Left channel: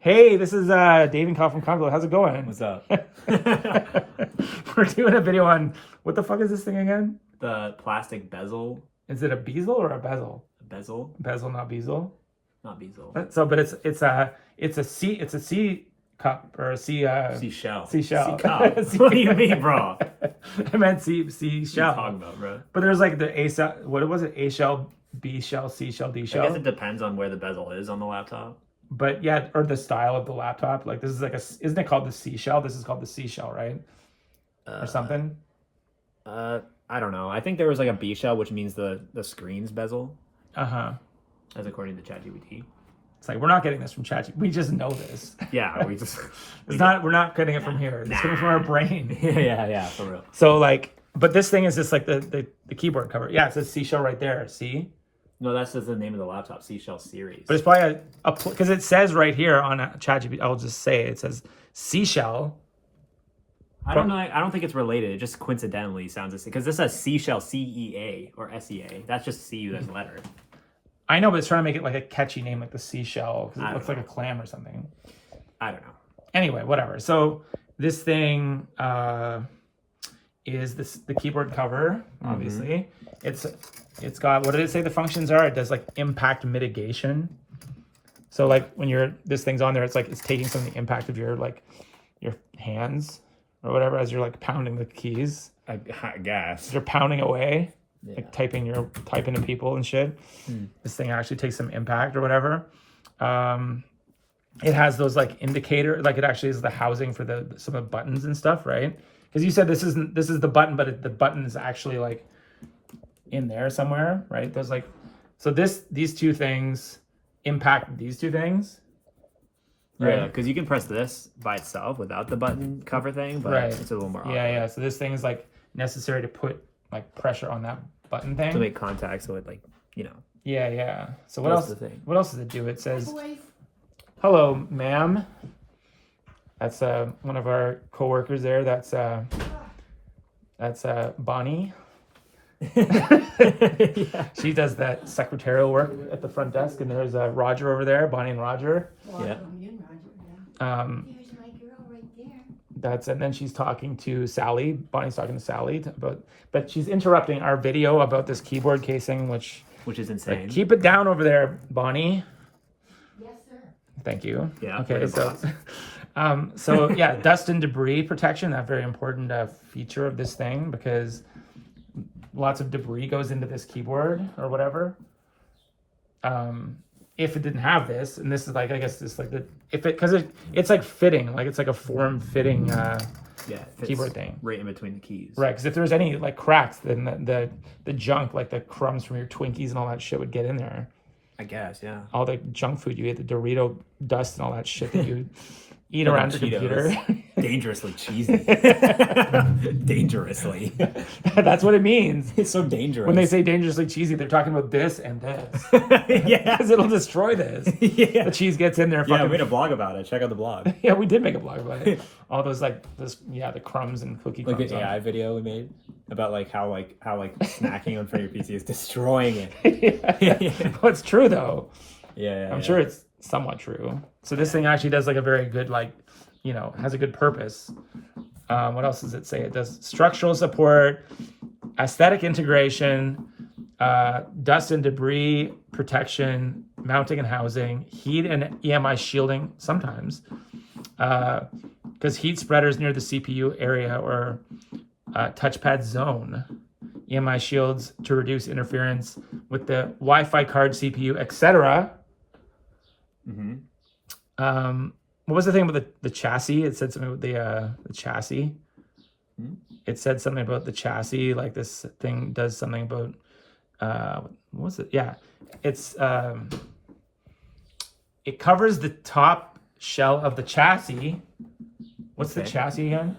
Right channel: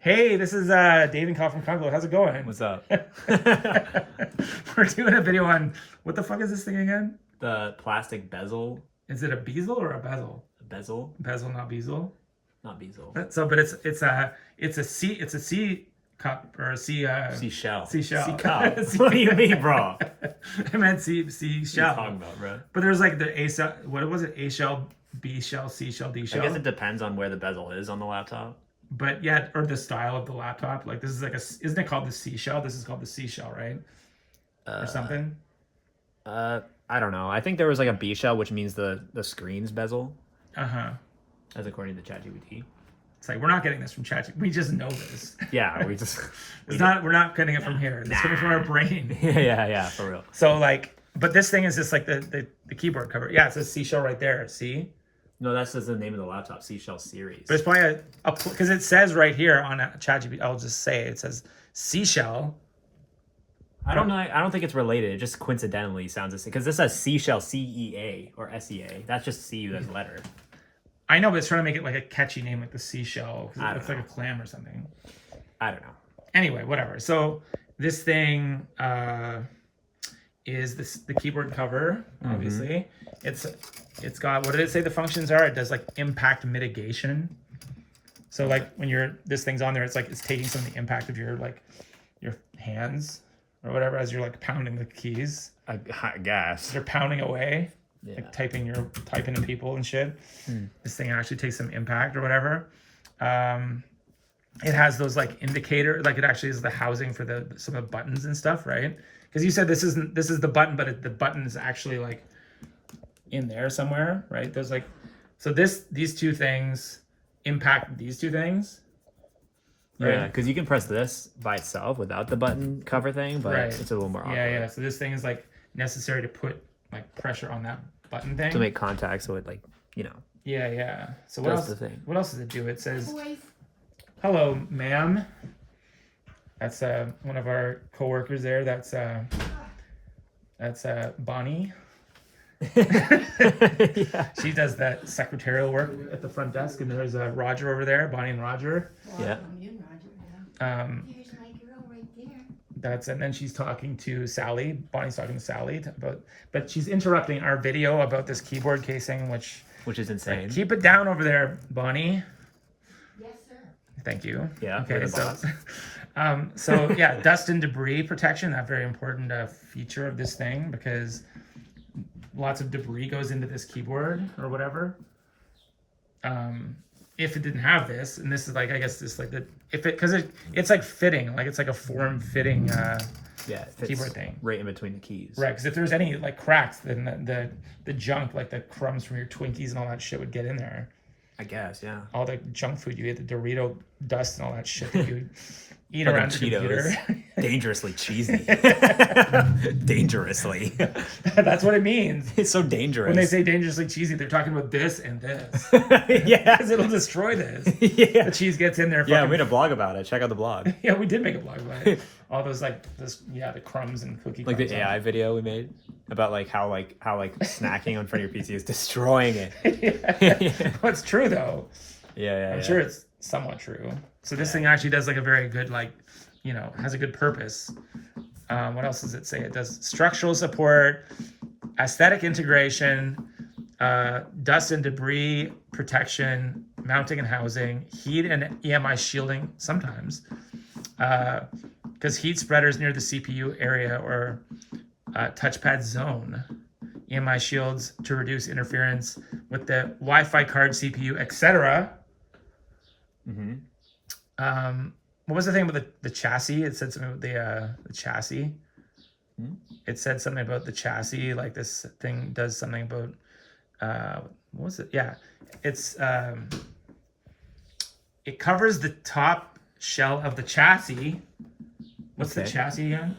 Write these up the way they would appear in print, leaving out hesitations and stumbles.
Hey, this is Dave and Kyle from Congo. How's it going? What's up? We're doing a video on what the fuck is this thing again? The plastic bezel. Is it a bezel or a bezel? Bezel? Bezel, not bezel. Not bezel. So, but it's a C cup or a seashell. Seashell. Sea cup. What do you mean, bro? I meant seashell. What are you talking about, bro? But there's like the A shell. What was it? A shell, B shell, C shell, D shell. I guess it depends on where the bezel is on the laptop. But yeah, or the style of the laptop. Like this is like isn't it called the seashell? This is called the seashell, right? Or something. I don't know. I think there was like a B shell, which means the screen's bezel. As according to ChatGPT. It's like we're not getting this from ChatGPT. We just know this. Yeah, we just. We're not getting it from here. It's coming from our brain. yeah, for real. So like, but this thing is just like the keyboard cover. Yeah, it says seashell right there. See. No, that's just the name of the laptop, Seashell Series. But it's probably because it says right here on ChatGPT. I'll just say it says seashell. I don't know. I don't think it's related. It just coincidentally sounds the same because this says Seashell CEA or SEA. That's just C as a letter. I know, but it's trying to make it like a catchy name, like the seashell, because it looks like a clam or something. I don't know. Anyway, whatever. So this thing is the keyboard cover. Obviously, it's got, what did it say the functions are? It does like impact mitigation. So like when this thing's on there, it's like it's taking some of the impact of your hands or whatever as you're like pounding the keys. I guess they're pounding away, like typing into people and shit. This thing actually takes some impact or whatever. It has those like indicator, like it actually is the housing for some of the buttons and stuff, right? Because you said this is the button, but the button is actually like in there somewhere, right? There's like, so these two things impact these two things. Right? Yeah, because you can press this by itself without the button cover thing, but it's a little more awkward. Yeah. So this thing is like necessary to put like pressure on that button thing to make contact, so it like Yeah. So what else? What else does it do? It says, "Hello, ma'am." That's one of our coworkers there. That's Bonnie. She does that secretarial work at the front desk, and there's Roger over there, Bonnie and Roger. Yeah. There's my girl right there. And then she's talking to Sally. Bonnie's talking to Sally, but she's interrupting our video about this keyboard casing, which is insane. Like, keep it down over there, Bonnie. Yes, sir. Thank you. Yeah. Okay. So yeah, dust and debris protection. That very important feature of this thing because lots of debris goes into this keyboard or whatever. If it didn't have this, and this is like, I guess this like it's like fitting, like it's like a form fitting keyboard thing right in between the keys. Right, because if there's any like cracks, then the junk, like the crumbs from your Twinkies and all that shit would get in there. I guess, yeah. All the junk food you eat, the Dorito dust and all that shit that you eat around the computer. Dangerously cheesy. Dangerously. That's what it means. It's so dangerous. When they say dangerously cheesy, they're talking about this and this. Yeah. Because it'll destroy this. Yeah. The cheese gets in there. Yeah, we made a blog about it. Check out the blog. Yeah, we did make a blog about it. All those the crumbs and cookie like crumbs. The AI video we made about how snacking on front of your PC is destroying it. Yeah. Well, it's true though. Yeah. I'm sure it's somewhat true. So this thing actually does like a very good has a good purpose. What else does it say? It does structural support, aesthetic integration, dust and debris protection, mounting and housing, heat and EMI shielding sometimes, because heat spreaders near the CPU area or touchpad zone, EMI shields to reduce interference with the Wi-Fi card, CPU, etc. What was the thing about the chassis? It said something about the chassis. It said something about the chassis, like this thing does something about what was it? Yeah, it's it covers the top shell of the chassis. What's the chassis again?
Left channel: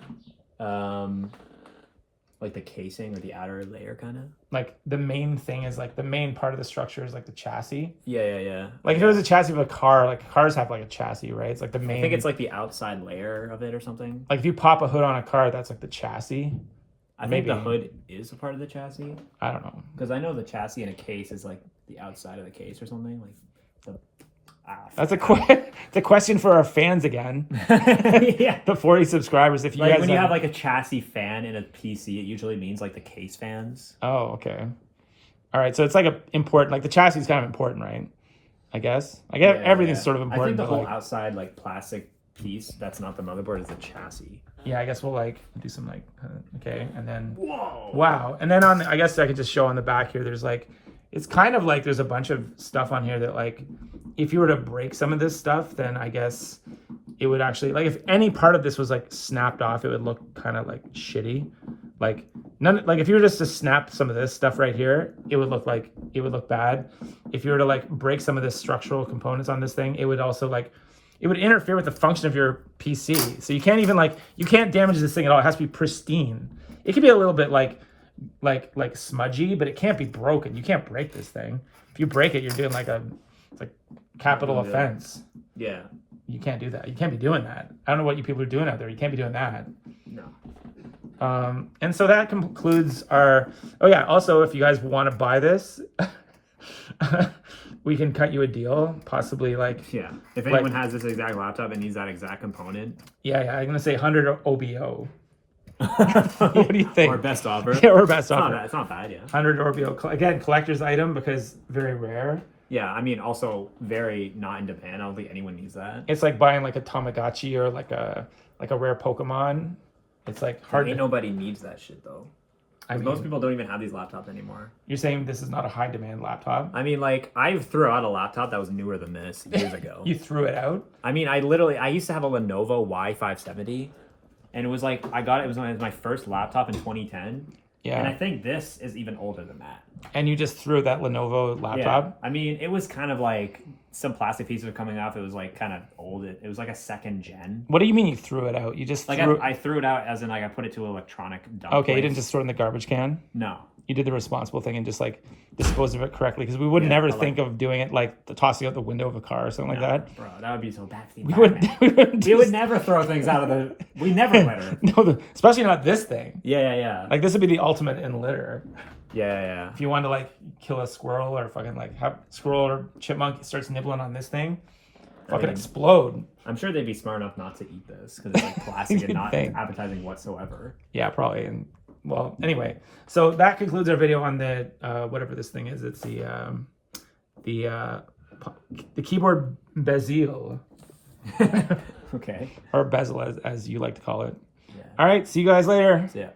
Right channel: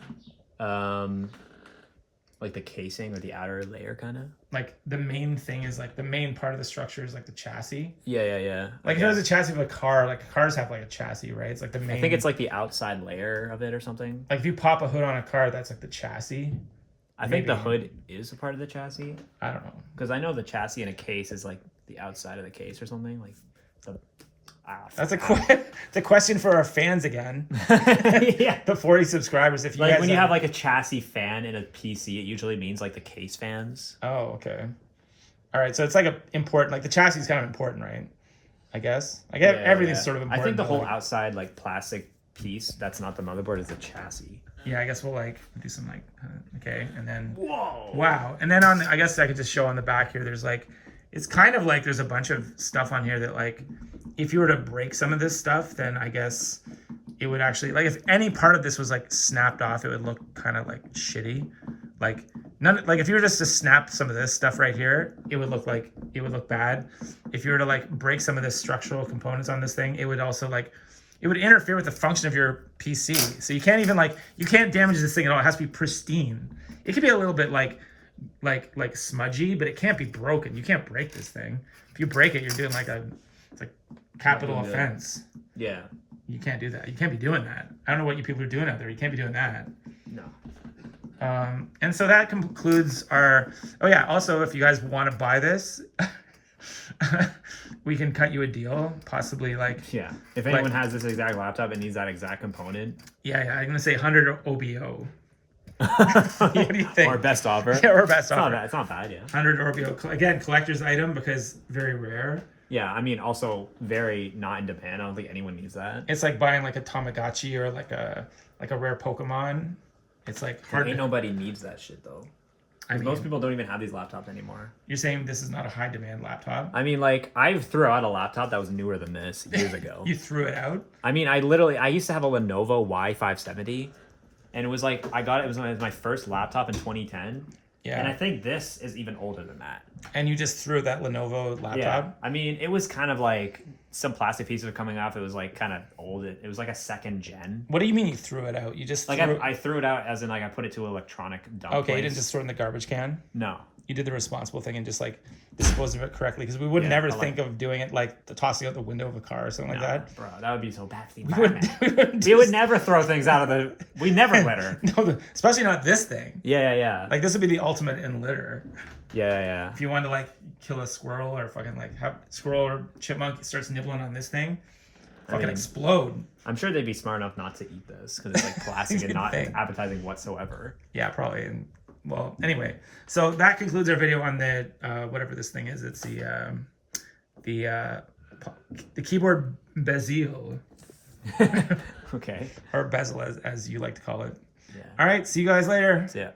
Like the casing or the outer layer, kind of. Like the main thing is like the main part of the structure is like the chassis. Yeah. Like if it was a chassis of a car, like cars have like a chassis, right? It's like the main. I think it's like the outside layer of it or something. Like if you pop a hood on a car, that's like the chassis. I think the hood is a part of the chassis. I don't know. Because I know the chassis in a case is like the outside of the case or something. Like, That's it's a question for our fans again. Yeah. The 40 subscribers. If you Like guys when you have like a chassis fan in a PC, it usually means like the case fans. Oh, okay. All right, so it's like a important, like the chassis is kind of important, right? I guess. I get everything's sort of important. I think the but, whole like, outside like plastic piece that's not the motherboard is the chassis. yeah, I guess we'll like do some like okay, and then Whoa. wow, and then on I guess I could just show on the back here. There's like it's kind of like there's a bunch of stuff on here that like if you were to break some of this stuff, then I guess it would actually like if any part of this was like snapped off, it would look kind of like shitty. Like none like if you were just to snap some of this stuff right here, it would look bad. If you were to like break some of the structural components on this thing, it would also like it would interfere with the function of your PC. So you can't even like you can't damage this thing at all. It has to be pristine. It could be a little bit like smudgy, but it can't be broken. You can't break this thing. If you break it, you're doing like it's like capital offense. Yeah. You can't do that. You can't be doing that. I don't know what you people are doing out there. You can't be doing that. No. And so that concludes our. Oh yeah. Also, if you guys want to buy this, we can cut you a deal. Possibly like. Yeah. If anyone has this exact laptop and needs that exact component. Yeah. I'm gonna say 100 OBO. What do you think? Or best offer. Yeah, or best offer. It's not bad. Yeah. 100 OBO. Again, collector's item because very rare. Yeah. I mean, also very not in demand. I don't think anyone needs that. It's like buying like a Tamagotchi or like a rare Pokemon. It's like hard. Ain't nobody needs that shit though. I mean, Most people don't even have these laptops anymore. You're saying this is not a high demand laptop? I mean, like I threw out a laptop that was newer than this years ago. You threw it out? I mean, I used to have a Lenovo Y570, and it was like I got it. It was my first laptop in 2010. Yeah. And I think this is even older than that. And you just threw that Lenovo laptop? Yeah. I mean, it was kind of like some plastic pieces were coming off. It was like kind of old. It was like a second gen. What do you mean you threw it out? You just like threw... I threw it out as in like I put it to an electronic dump. Okay, place. you didn't just throw it in the garbage can? No. You did the responsible thing and just like dispose of it correctly because we would never think of doing it like tossing out the window of a car or something like that. Bro, that would be so bad for the environment. We would never throw things out of the. We never litter. No, especially not this thing. Yeah. Like this would be the ultimate in litter. Yeah. If you want to like kill a squirrel or fucking like have squirrel or chipmunk starts nibbling on this thing, fucking explode. I'm sure they'd be smart enough not to eat this because it's like plastic and not appetizing whatsoever. Yeah, probably. And well, anyway, so that concludes our video on the whatever this thing is. It's the keyboard Bezel. Okay. Or Bezel as you like to call it. Yeah. All right, see you guys later. So, yeah.